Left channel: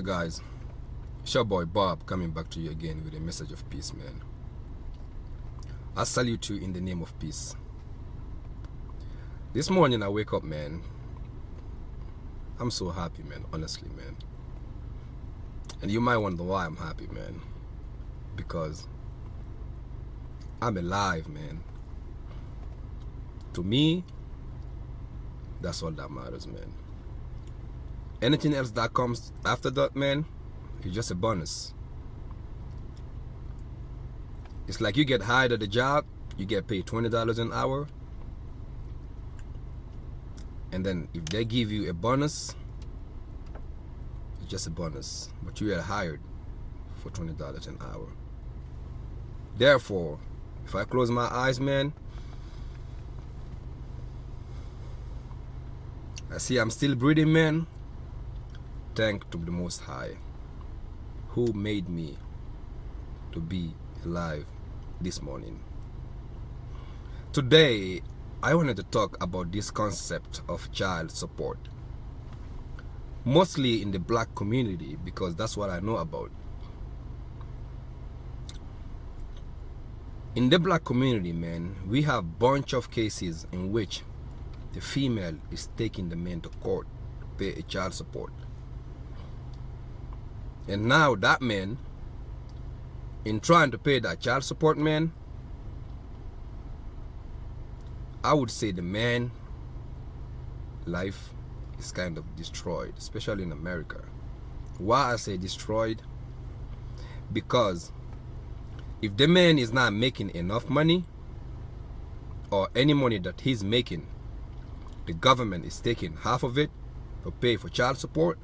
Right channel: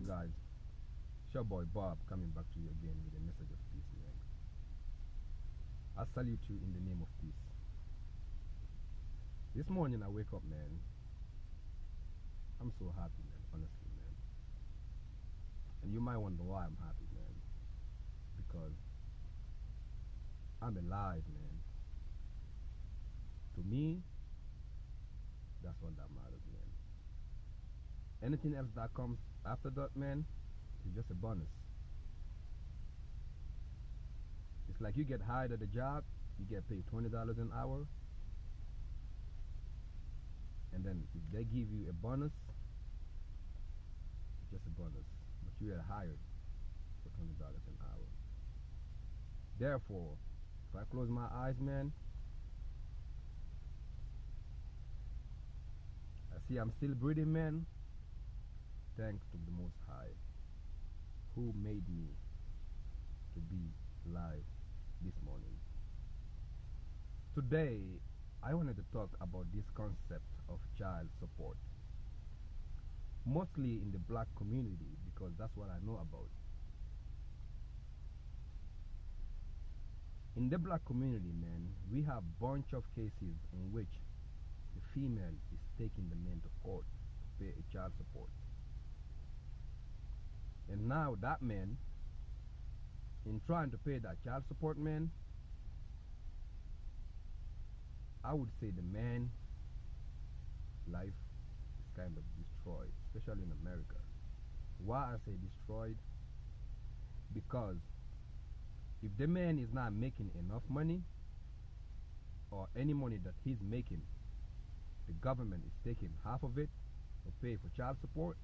Alright guys, it's your boy Bob coming back to you again with a message of peace, man. I salute you in the name of peace. This morning I wake up, man. I'm so happy, man, honestly, man. And you might wonder why I'm happy, man. Because I'm alive, man. To me, that's all that matters, man. Anything else that comes after that, man, is just a bonus. It's like you get hired at a job, you get paid $20 an hour, and then if they give you a bonus, it's just a bonus, but you are hired for $20 an hour. Therefore, if I close my eyes, man, I see I'm still breathing, man. Thank to the Most High, who made me to be alive this morning. Today, I wanted to talk about this concept of child support, mostly in the black community, because that's what I know about. In the black community, man, we have a bunch of cases in which the female is taking the man to court to pay a child support. And now that man, in trying to pay that child support, man, I would say the man life is kind of destroyed, especially in America. Why I say destroyed? Because if the man is not making enough money, or any money that he's making, the government is taking half of it to pay for child support.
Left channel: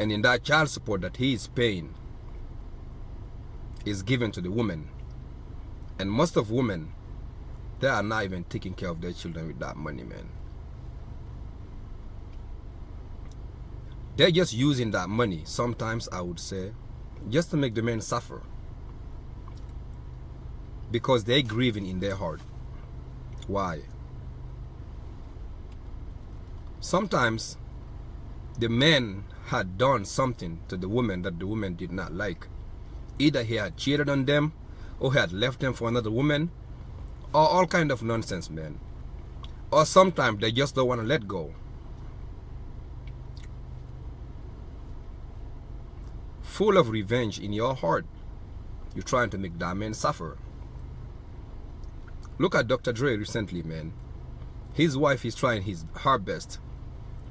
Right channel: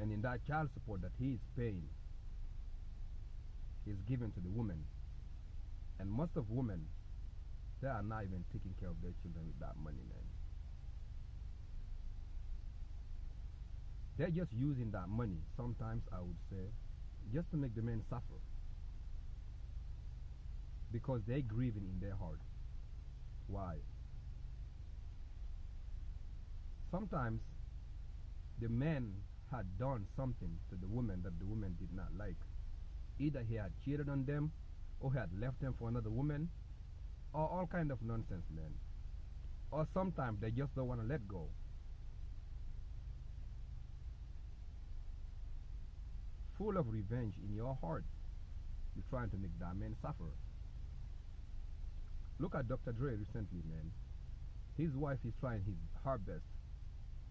And in that child support that he is paying is given to the woman. And most of women, they are not even taking care of their children with that money, man. They're just using that money, sometimes I would say, just to make the men suffer. Because they're grieving in their heart. Why? Sometimes the man had done something to the woman that the woman did not like. Either he had cheated on them, or he had left them for another woman, or all kind of nonsense, man. Or sometimes they just don't want to let go. Full of revenge in your heart, you're trying to make that man suffer. Look at Dr. Dre recently, man. His wife is trying her best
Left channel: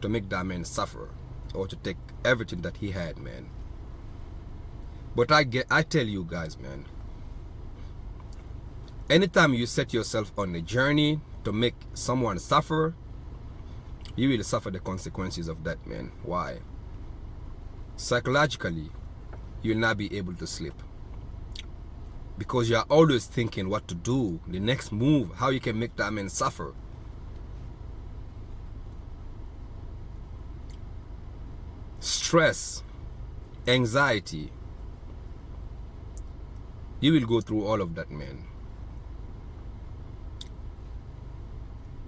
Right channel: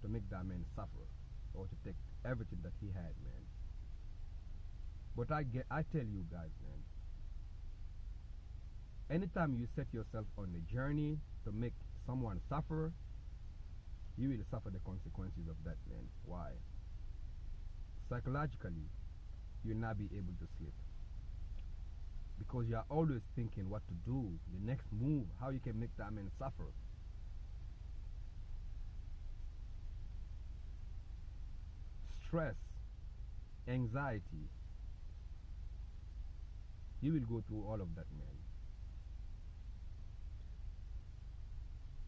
to make that man suffer, or to take everything that he had, man. But I tell you guys, man, anytime you set yourself on a journey to make someone suffer, you will suffer the consequences of that, man. Why? Psychologically, you'll not be able to sleep, because you're always thinking what to do, the next move, how you can make that man suffer. Stress, anxiety, you will go through all of that, man.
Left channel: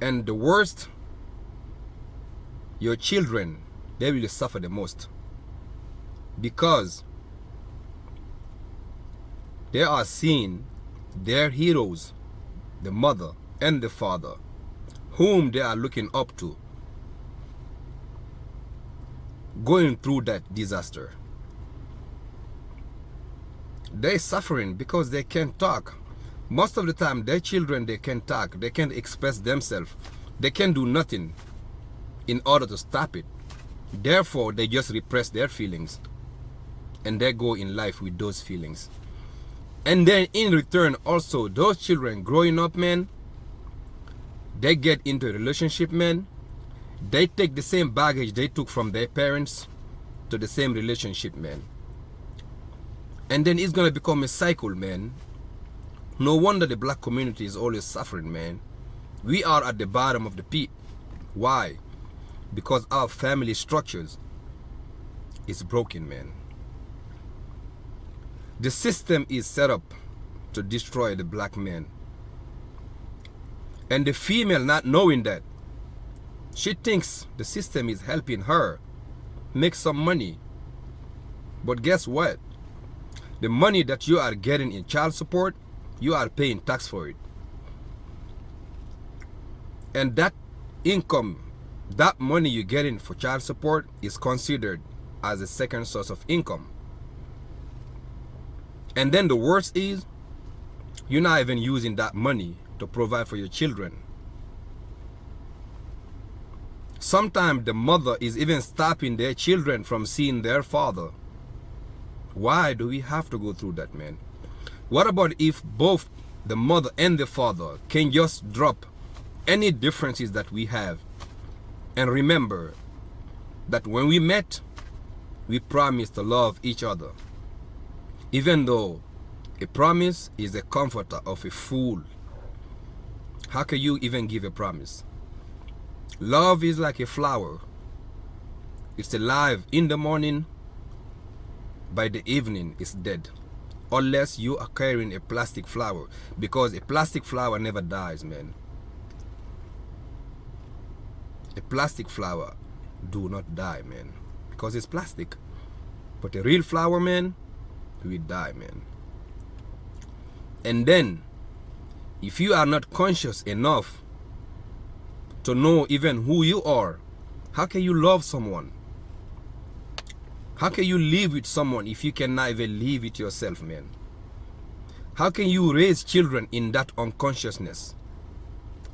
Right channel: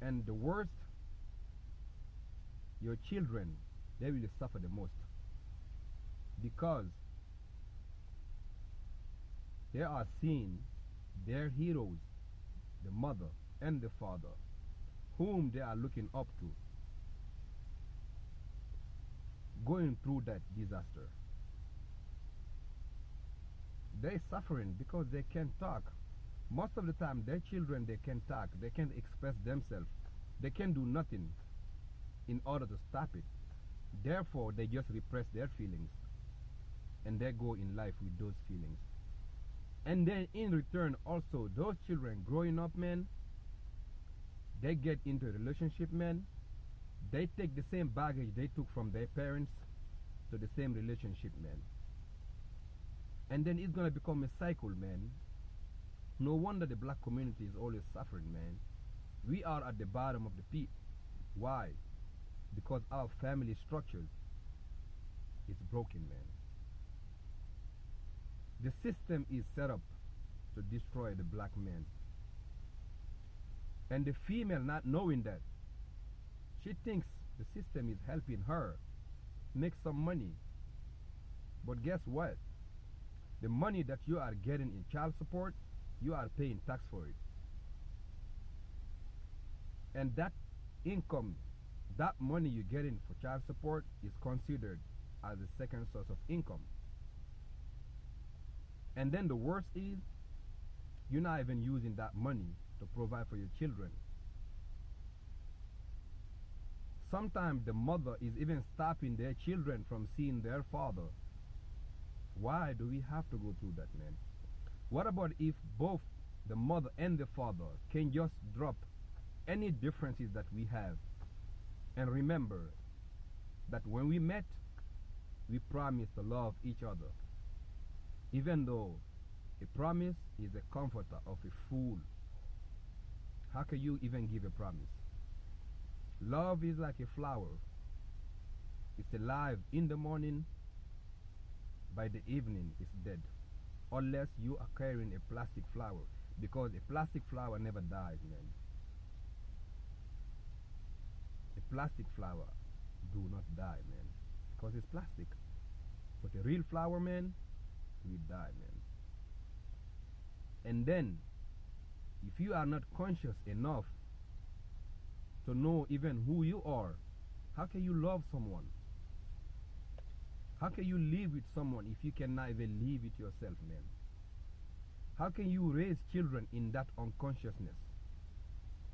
And the worst, your children, they will suffer the most, because they are seeing their heroes, the mother and the father, whom they are looking up to, going through that disaster. They're suffering because they can't talk. Most of the time, their children, they can't talk. They can't express themselves. They can't do nothing in order to stop it. Therefore, they just repress their feelings. And they go in life with those feelings. And then in return, also, those children growing up, man, they get into a relationship, man. They take the same baggage they took from their parents to the same relationship, man. And then it's gonna become a cycle, man. No wonder the black community is always suffering, man. We are at the bottom of the pit. Why? Because our family structures is broken, man. The system is set up to destroy the black man. And the female, not knowing that, She thinks the system is helping her make some money. But guess what? The money that you are getting in child support, you are paying tax for it. And that income, that money you're getting for child support is considered as a second source of income. And then the worst is, you're not even using that money to provide for your children. Sometimes the mother is even stopping their children from seeing their father. Why do we have to go through that, man? What about if both the mother and the father can just drop any differences that we have and remember that when we met, we promised to love each other, even though a promise is the comforter of a fool. How can you even give a promise? Love is like a flower. It's alive in the morning, by the evening it's dead. Unless you are carrying a plastic flower, because a plastic flower never dies, man. A plastic flower do not die, man, because it's plastic. But a real flower, man, will die, man. And then, if you are not conscious enough to know even who you are, how can you love someone? How can you live with someone if you cannot even live with yourself, man? How can you raise children in that unconsciousness?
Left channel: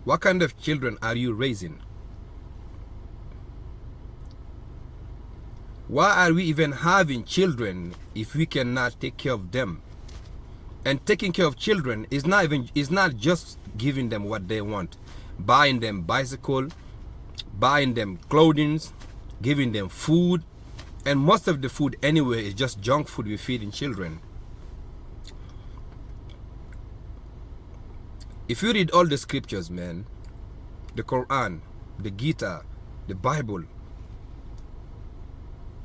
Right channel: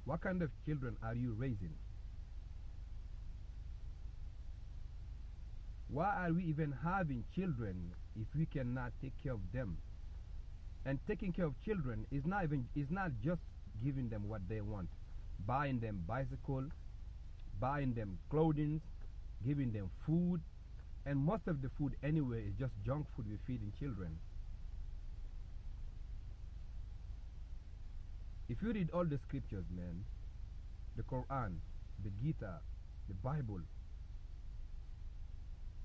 What kind of children are you raising? Why are we even having children if we cannot take care of them? And taking care of children is not just giving them what they want, buying them bicycle, buying them clothing, giving them food, and most of the food anyway is just junk food we feed in children. If you read all the scriptures, man, the Quran, the Gita, the Bible,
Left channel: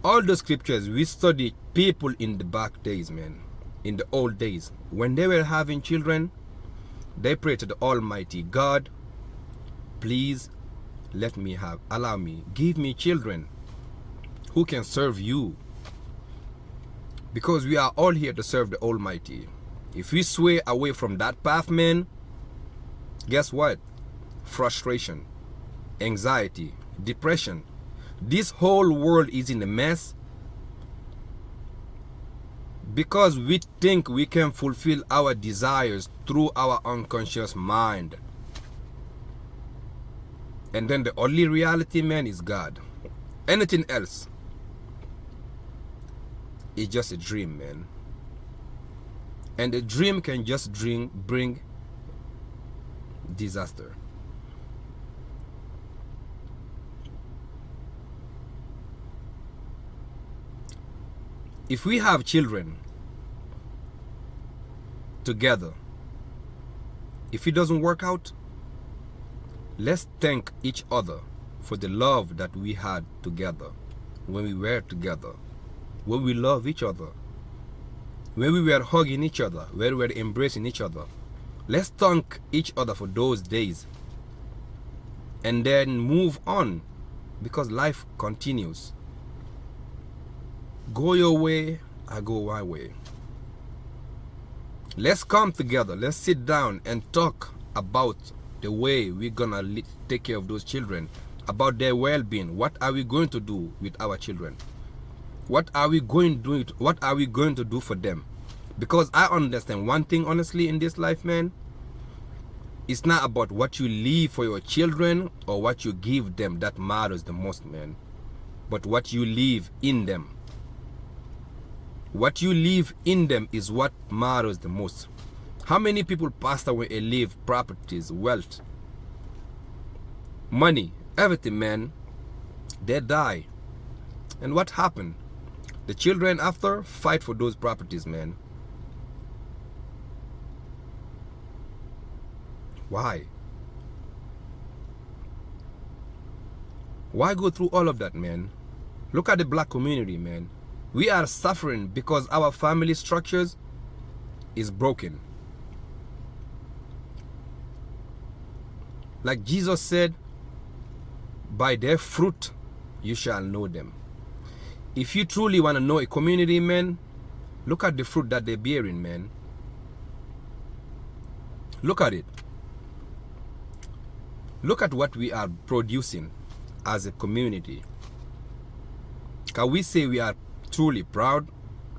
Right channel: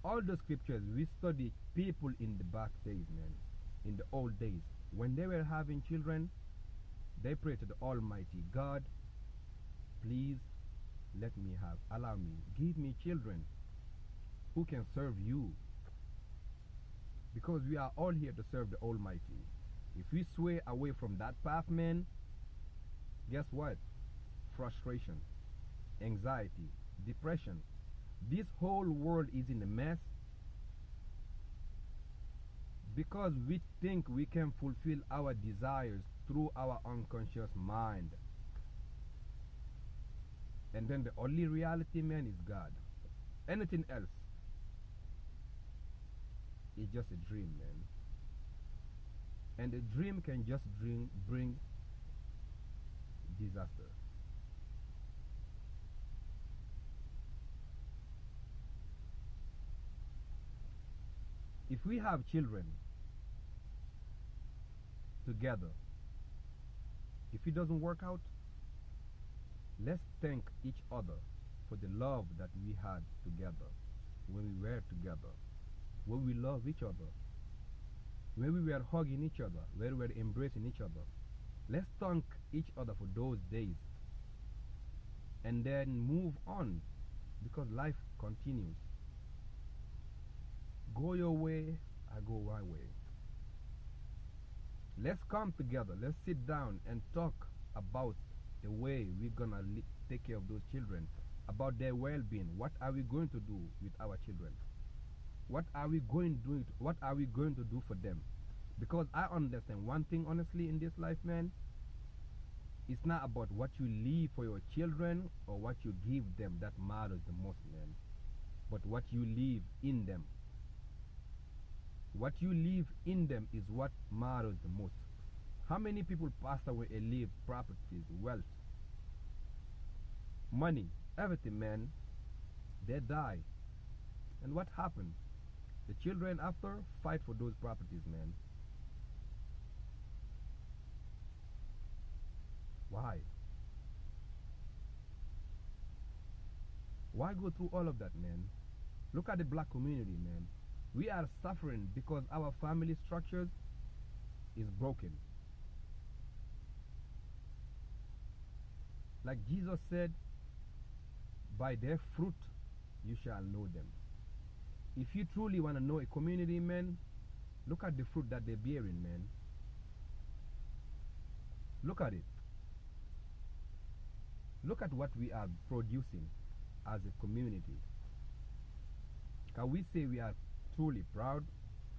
all the scriptures, we study people in the back days, man, in the old days. When they were having children, they prayed to the Almighty God, please allow me, give me children who can serve you. Because we are all here to serve the Almighty. If we sway away from that path, man, guess what? Frustration, anxiety, depression. This whole world is in a mess because we think we can fulfill our desires through our unconscious mind. And then the only reality, man, is God. Anything else is just a dream, man. And a dream can just bring disaster. If we have children together, if it doesn't work out, let's thank each other for the love that we had together when we were together, when we love each other, when we were hugging each other, when we were embracing each other. Let's thank each other for those days and then move on, because life continues. Go your way, I go my way. Let's come together. Let's sit down and talk about the way we're gonna take care of those children, about their well-being. What are we going to do with our children? What are we going to do for them? Because I understand one thing, honestly, in this life, man, it's not about what you leave for your children or what you give them that matters the most, man, but what you leave in them. What you leave in them is what matters the most. How many people passed away and leave properties, wealth, money, everything, man? They die. And what happened? The children after fight for those properties, man. Why? Why go through all of that, man? Look at the black community, man. We are suffering because our family structures is broken. Like Jesus said, By their fruit you shall know them. If you truly want to know a community, man, look at the fruit that they're bearing, man. Look at it. Look at what we are producing as a community. Can we say we are truly proud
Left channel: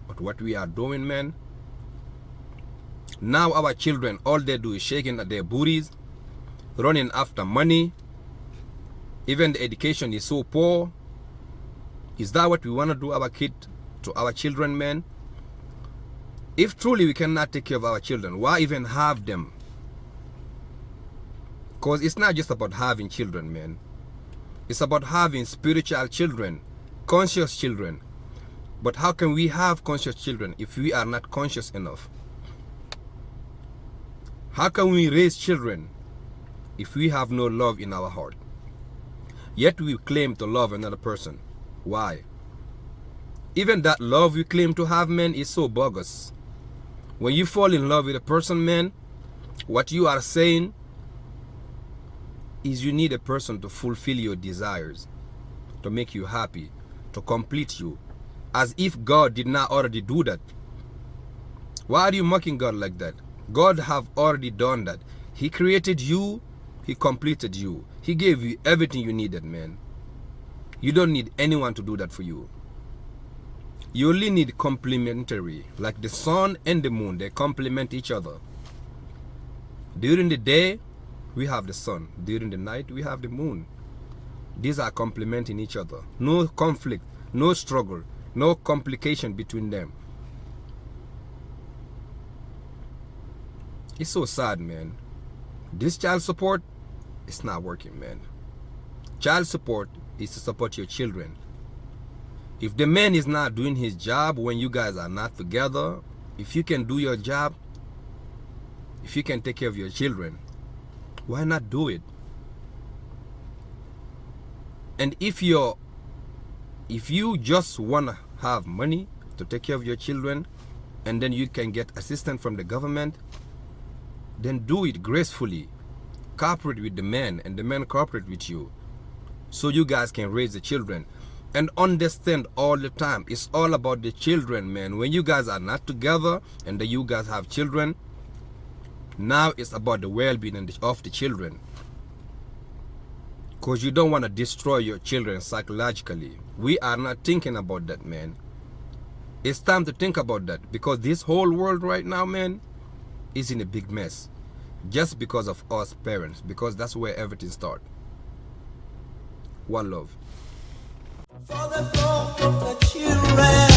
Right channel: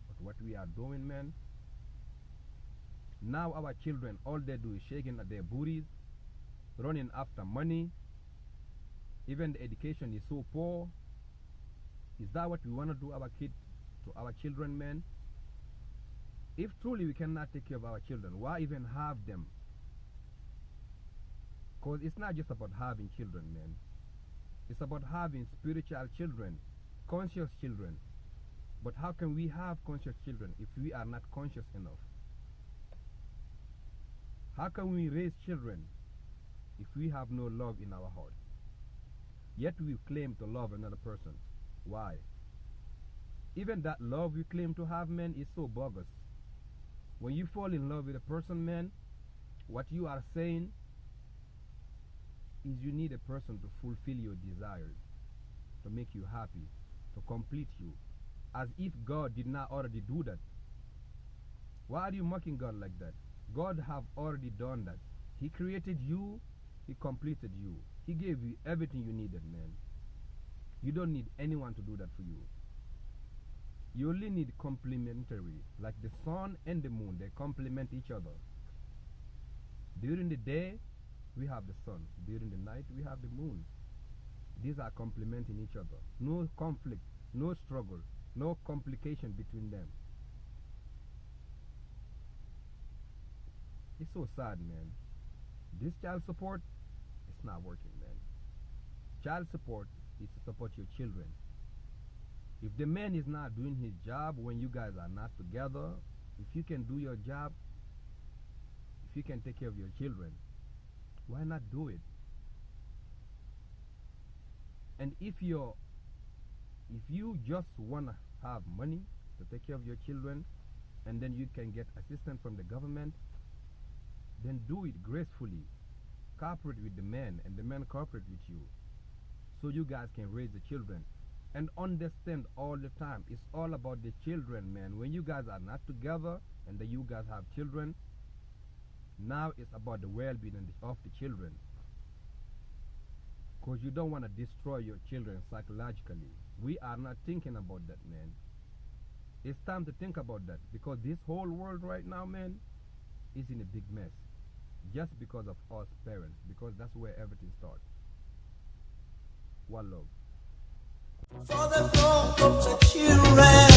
of what we are doing, man? Now our children, all they do is shaking at their booties, running after money. Even the education is so poor. Is that what we want to do to our children, man? If truly we cannot take care of our children, why even have them? Because it's not just about having children, man. It's about having spiritual children, conscious children. But how can we have conscious children if we are not conscious enough? How can we raise children if we have no love in our heart? Yet we claim to love another person. Why? Even that love we claim to have, man, is so bogus. When you fall in love with a person, man, what you are saying is you need a person to fulfill your desires, to make you happy, to complete you, as if God did not already do that. Why are you mocking God like that? God have already done that. He created you, He completed you. He gave you everything you needed, man. You don't need anyone to do that for you. You only need complementary, like the sun and the moon, they complement each other. During the day, we have the sun. During the night, we have the moon. These are complementing each other. No conflict, no struggle, no complication between them. It's so sad, man. This child support, it's not working, man. Child support is to support your children. If the man is not doing his job when you guys are not together, if you can do your job, if you can take care of your children, why not do it? And if you just want to have money to take care of your children, and then you can get assistance from the government, then do it gracefully. Cooperate with the man, and the man cooperate with you, so you guys can raise the children. And understand all the time, it's all about the children, man. When you guys are not together and then you guys have children, now it's about the well-being of the children. Because you don't want to destroy your children psychologically. We are not thinking about that, man. It's time to think about that, because this whole world right now, man, is in a big mess. Just because of us parents, because that's where everything starts. One love. For the throne of the children.